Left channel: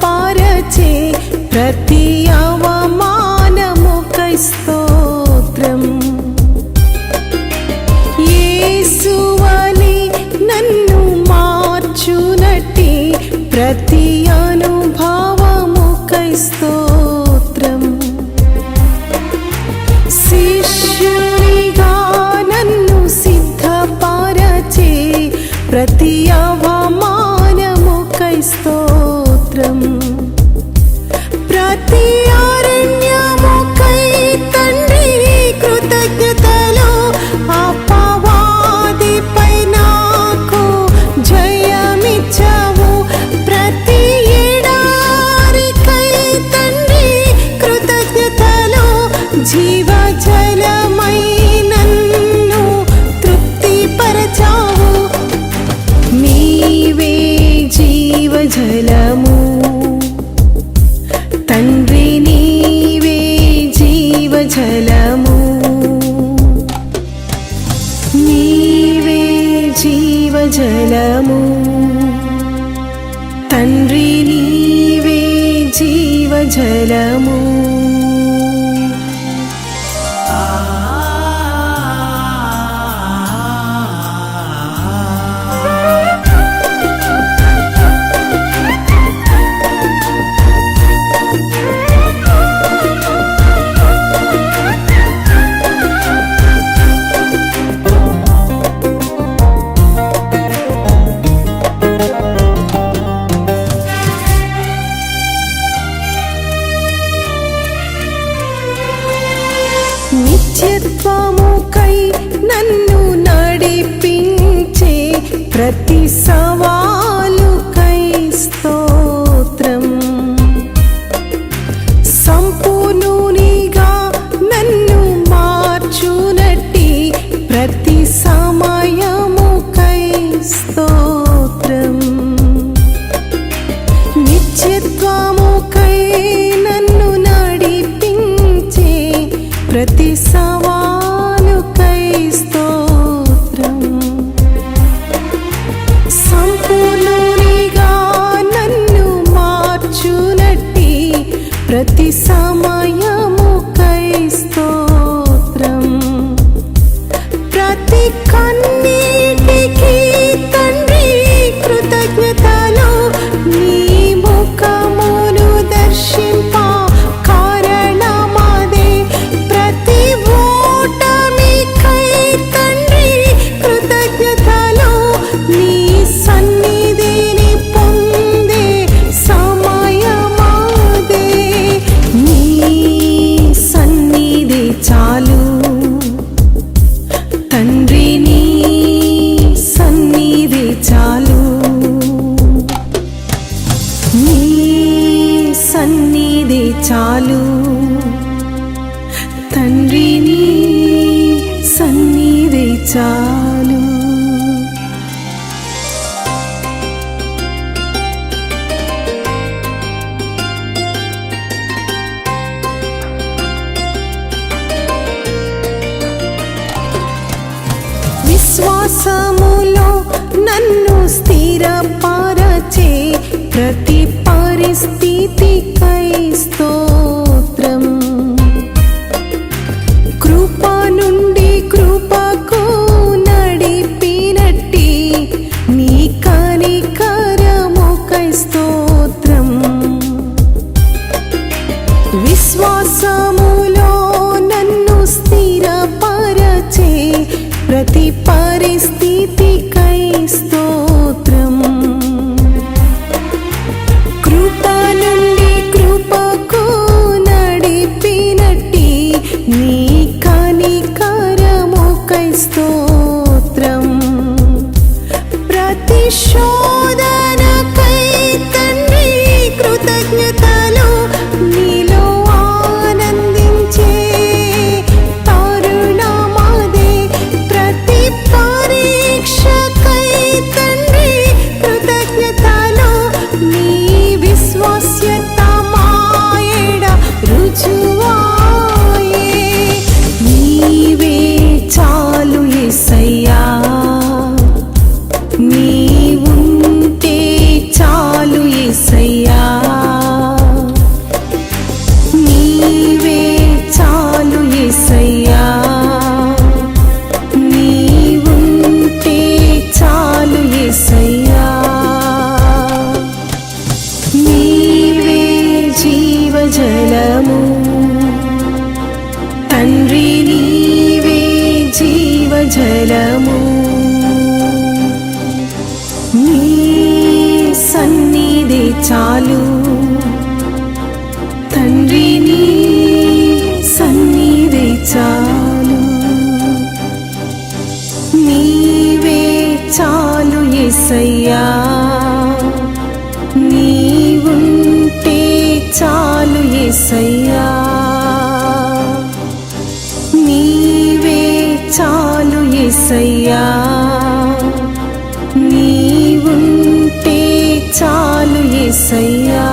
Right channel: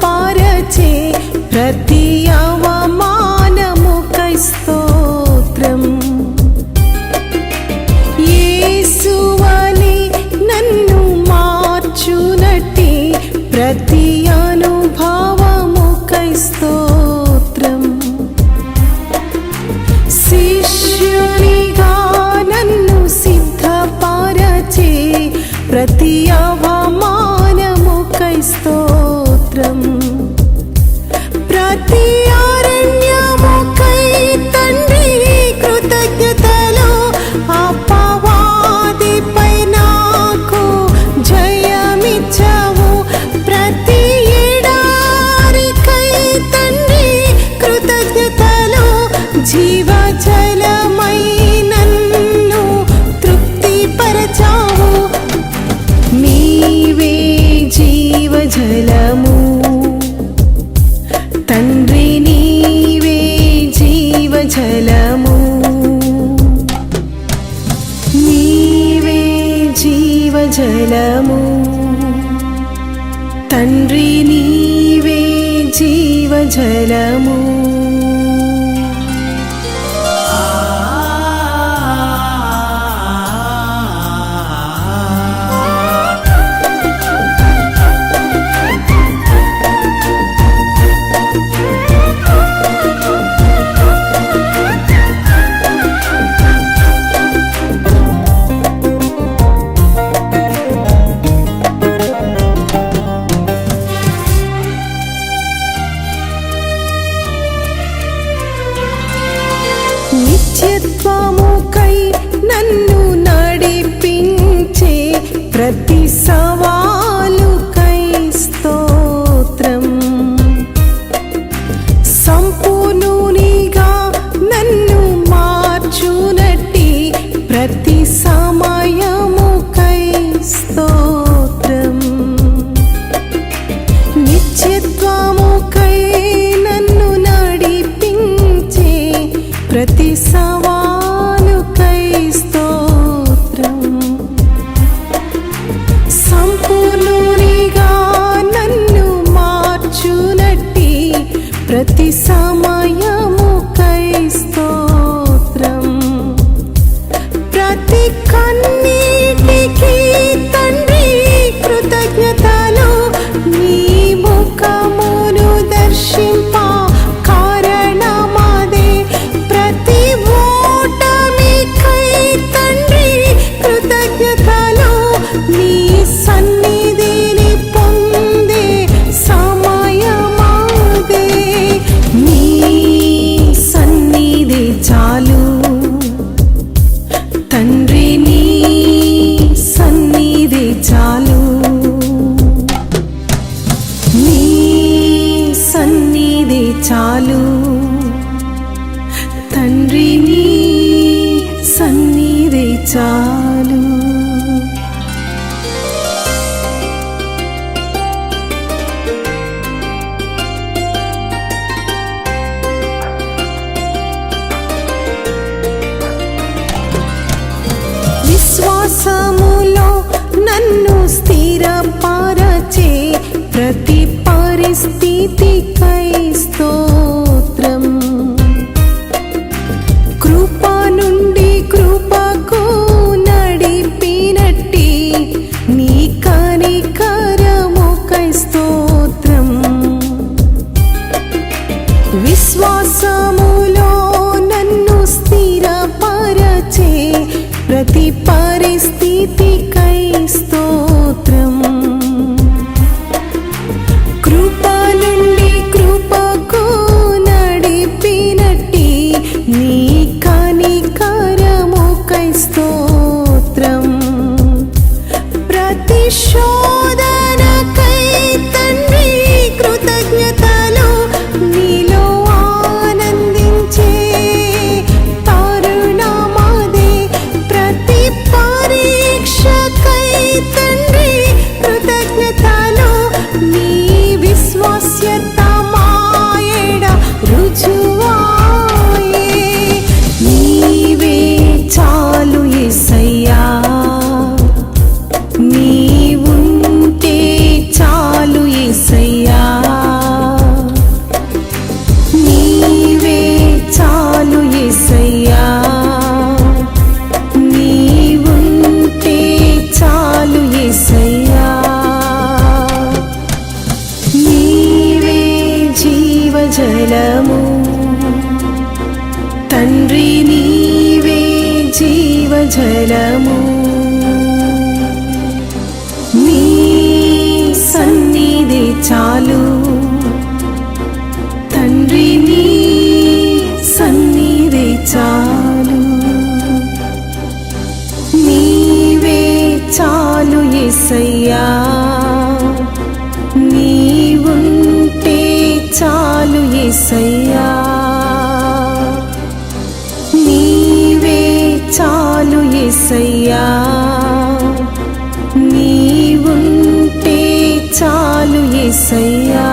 పారచే ప్రతి అవమానముకై స్తోత్రం యేసువని నన్ను మార్చునట్టి ప్రతి అనుభవముకై స్తోత్రం శిష్యునిగా నన్ను సిద్ధపరచే ప్రతి అవమానముకై స్తోత్రం ప్రతి జీవజలము నీవే జీవజలము. తండ్రి నీవే జీవజలము. నిత్యత్వముకై నన్ను నడిపించే ప్రతి సవాలుకై స్తోత్రం. సంపూర్ణునిగా నన్ను మార్చునట్టి ప్రతి సమయముకై స్తోత్రం. నిత్యత్వముకై నన్ను నడిపించే ప్రతి సవాలుకై సంపూర్ణునిగా నన్ను మార్చునట్టి ప్రతి సమయముకై స్తోత్రం. ప్రతి కన్ను తండ్రి నీ సన్నిధి చాలు. విశ్వాసములో నన్ను స్థిరపరచే ప్రతి పరిస్థితికై స్తోత్రం విశ్వాసములో నన్ను స్థిరపరచే ప్రతి పరిస్థితికై స్తోత్రం. కృప నుండి కృపకు నడిపినట్టి నీ కనికరముకై స్తోత్రం. ప్రతిశో తండ్రి కృతజ్ఞతలు నీ విశ్వాస్యత మాయడ రుజువాయే. నీవే చాలు ఎసయ్యా నీవుంటే చాలు ఏసయ్యా. బలము తండ్రి నీవే జీవజలము. నీ సన్నిధి చాలు. తండ్రి నీ సన్నిధి చాలు. నీవే చాలు ఎసయ్యా చాలు నీవే చాలు ఎసయ్యా నీవుంటే చాలు ఎసయ్యా